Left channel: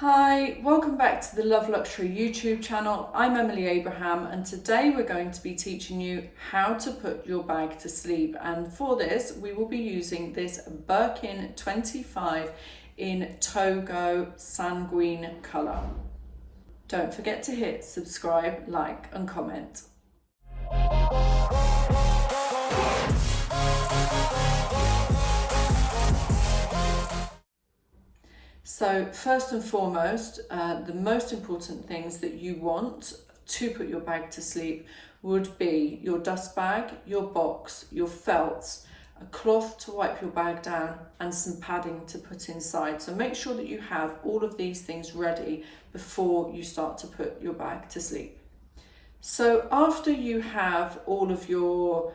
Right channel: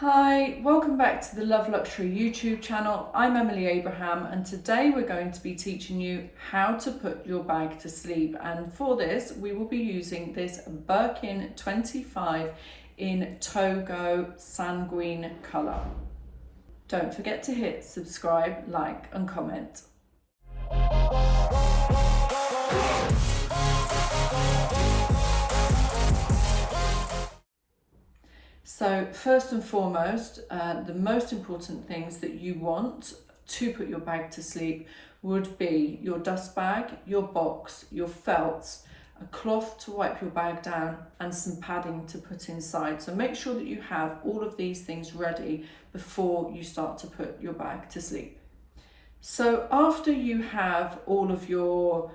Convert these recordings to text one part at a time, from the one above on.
Hi, welcome back to the Love Luxury YouTube channel. I'm Emily Abraham and today we're going to be teaching you how to put your bag to sleep, and for this we will be using this Birkin 25 in Togo Sanguine colour. Don't forget to hit subscribe, like and comment. So first and foremost, the most important things that you want to put your bag to sleep would be your dust bag, your box, your felts, a cloth to wipe your bag down and some padding to put inside. So make sure that you have all of these things ready before you start to put your bag to sleep. So after you have all of your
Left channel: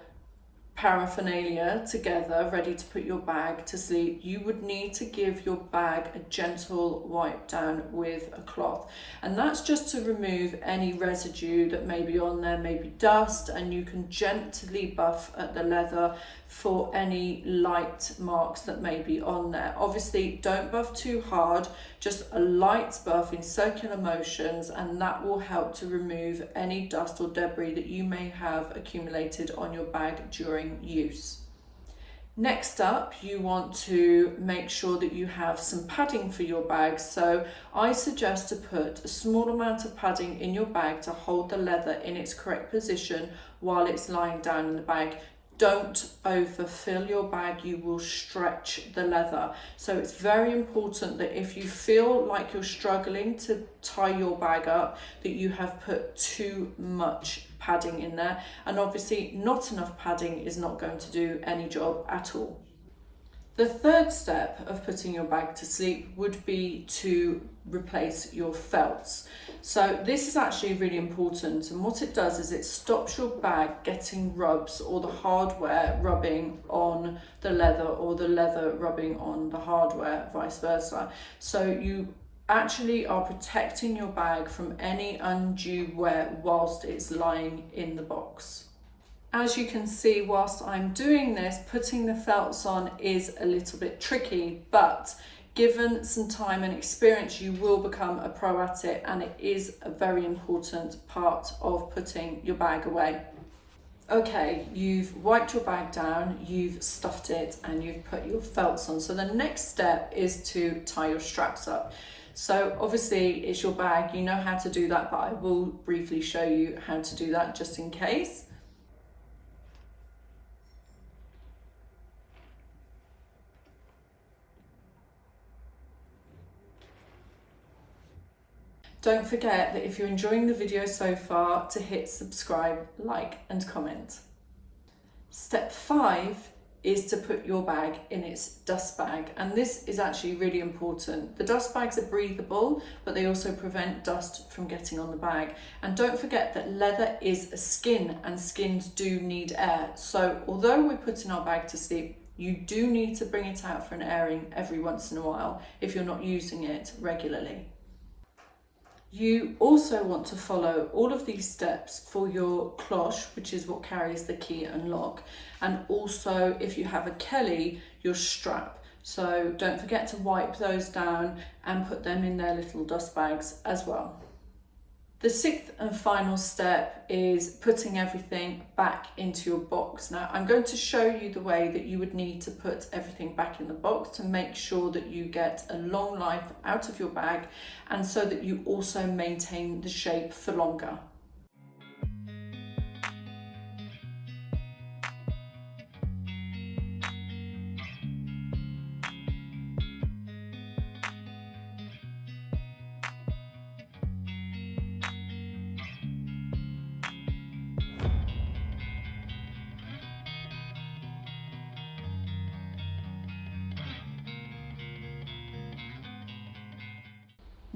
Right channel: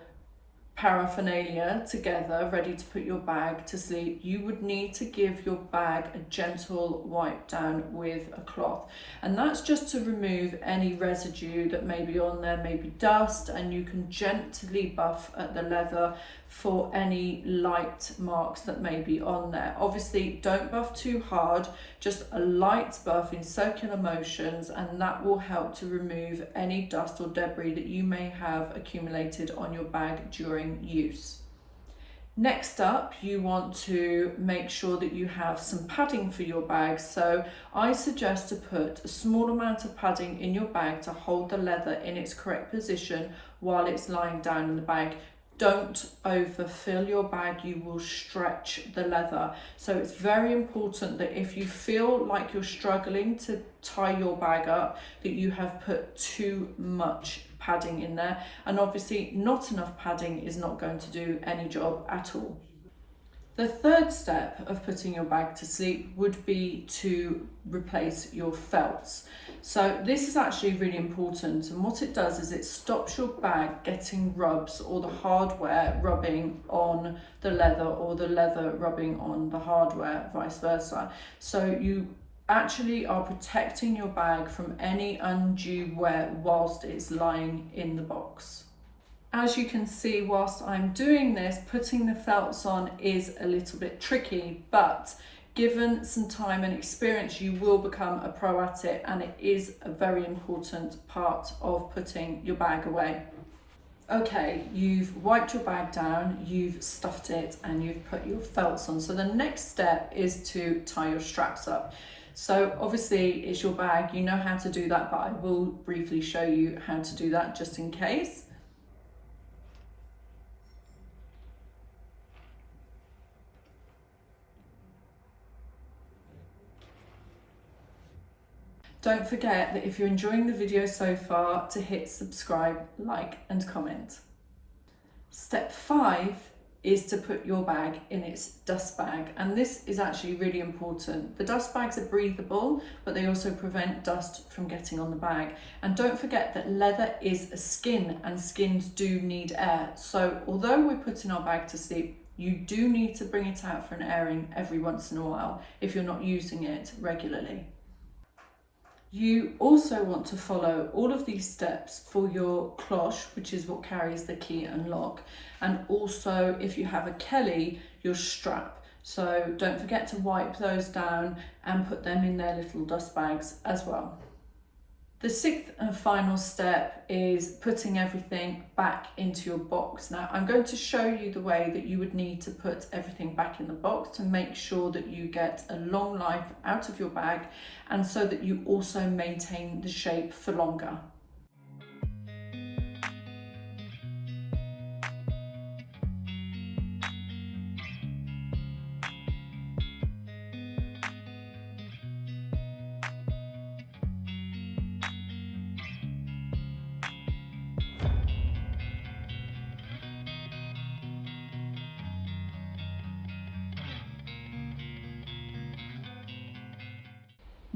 paraphernalia together ready to put your bag to sleep, you would need to give your bag a gentle wipe down with a cloth, and that's just to remove any residue that may be on there, maybe dust, and you can gently buff at the leather for any light marks that may be on there. Obviously don't buff too hard, just a light buff in circular motions, and that will help to remove any dust or debris that you may have accumulated on your bag during use. Next up, you want to make sure that you have some padding for your bag. So I suggest to put a small amount of padding in your bag to hold the leather in its correct position while it's lying down in the bag. Don't overfill your bag, you will stretch the leather. So it's very important that if you feel like you're struggling to tie your bag up, that you have put too much padding in there, and obviously not enough padding is not going to do any job at all. The third step of putting your bag to sleep would be to replace your felts. So this is actually really important, and what it does is it stops your bag getting rubs or the hardware rubbing on the leather or the leather rubbing on the hardware, vice versa. So you actually are protecting your bag from any undue wear whilst it's lying in the box. As you can see, whilst I'm doing this, putting the felts on is a little bit tricky, but given some time and experience, you will become a pro at it, and it is a very important part of putting your bag away. Okay, you've wiped your bag down, you've stuffed it, and you've put your felts on. So the next step is to tie your straps up. So obviously it's your bag, you know how to do that, but I will briefly show you how to do that just in case. Don't forget that if you're enjoying the video so far, to hit subscribe, like and comment. Step 5 is to put your bag in its dust bag, and this is actually really important. The dust bags are breathable, but they also prevent dust from getting on the bag. And don't forget that leather is a skin, and skins do need air. So although we're putting our bag to sleep, you do need to bring it out for an airing every once in a while if you're not using it regularly. You also want to follow all of these steps for your cloche, which is what carries the key and lock, and also if you have a Kelly, your strap. So don't forget to wipe those down and put them in their little dust bags as well. The sixth and final step is putting everything back into your box. Now I'm going to show you the way that you would need to put everything back in the box to make sure that you get a long life out of your bag, and so that you also maintain the shape for longer.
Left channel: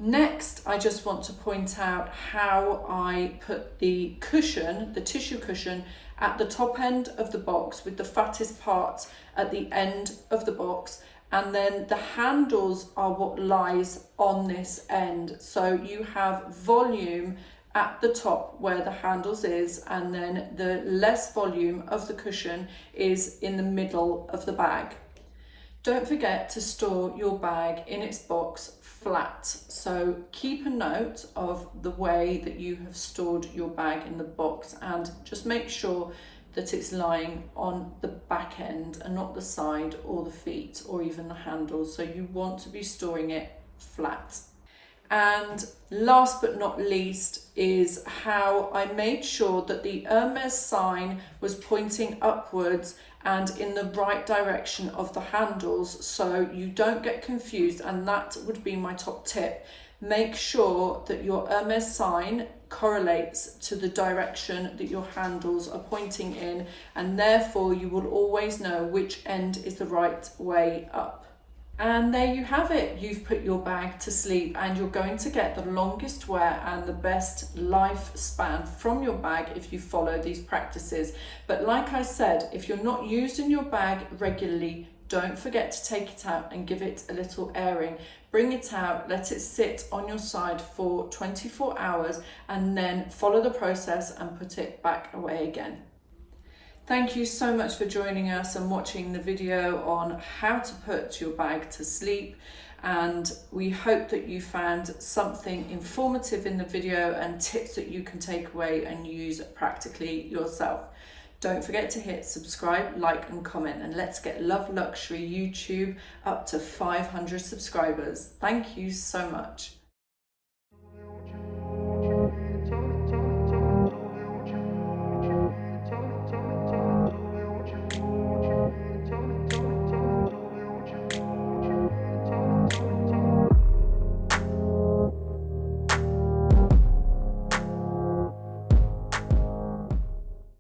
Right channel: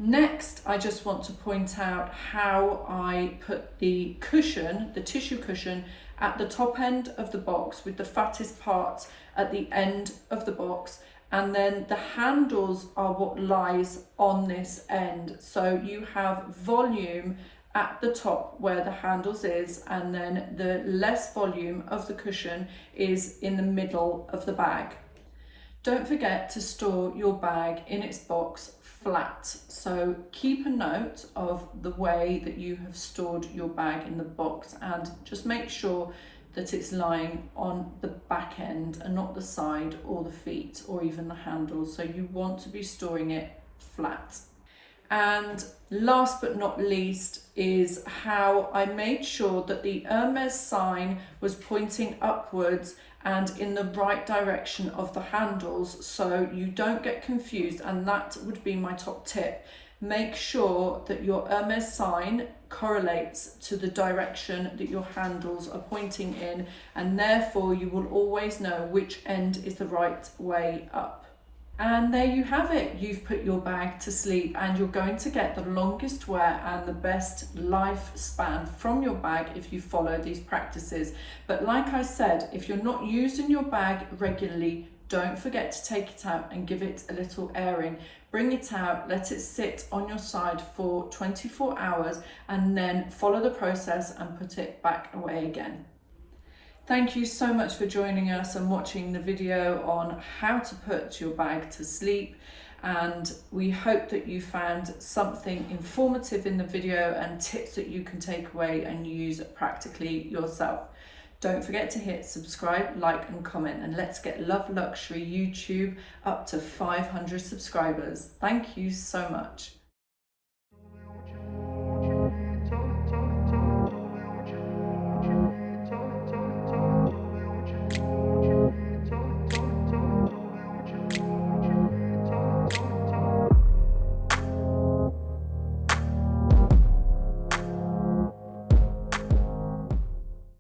Next, I just want to point out how I put the cushion, the tissue cushion, at the top end of the box with the fattest part at the end of the box, and then the handles are what lies on this end. So you have volume at the top where the handles is, and then the less volume of the cushion is in the middle of the bag. Don't forget to store your bag in its box flat. So keep a note of the way that you have stored your bag in the box, and just make sure that it's lying on the back end and not the side or the feet or even the handles. So you want to be storing it flat. And last but not least is how I made sure that the Hermes sign was pointing upwards and in the right direction of the handles, so you don't get confused. And that would be my top tip. Make sure that your Hermes sign correlates to the direction that your handles are pointing in, and therefore you will always know which end is the right way up. And there you have it. You've put your bag to sleep, and you're going to get the longest wear and the best lifespan from your bag if you follow these practices. But like I said, if you're not using your bag regularly, don't forget to take it out and give it a little airing. Bring it out, let it sit on your side for 24 hours, and then follow the process and put it back away again. Thank you so much for joining us and watching the video on how to put your bag to sleep. And we hope that you found something informative in the video and tips that you can take away and use practically yourself. Don't forget to hit subscribe, like and comment, and let's get Love Luxury YouTube up to 500 subscribers. Thank you so much.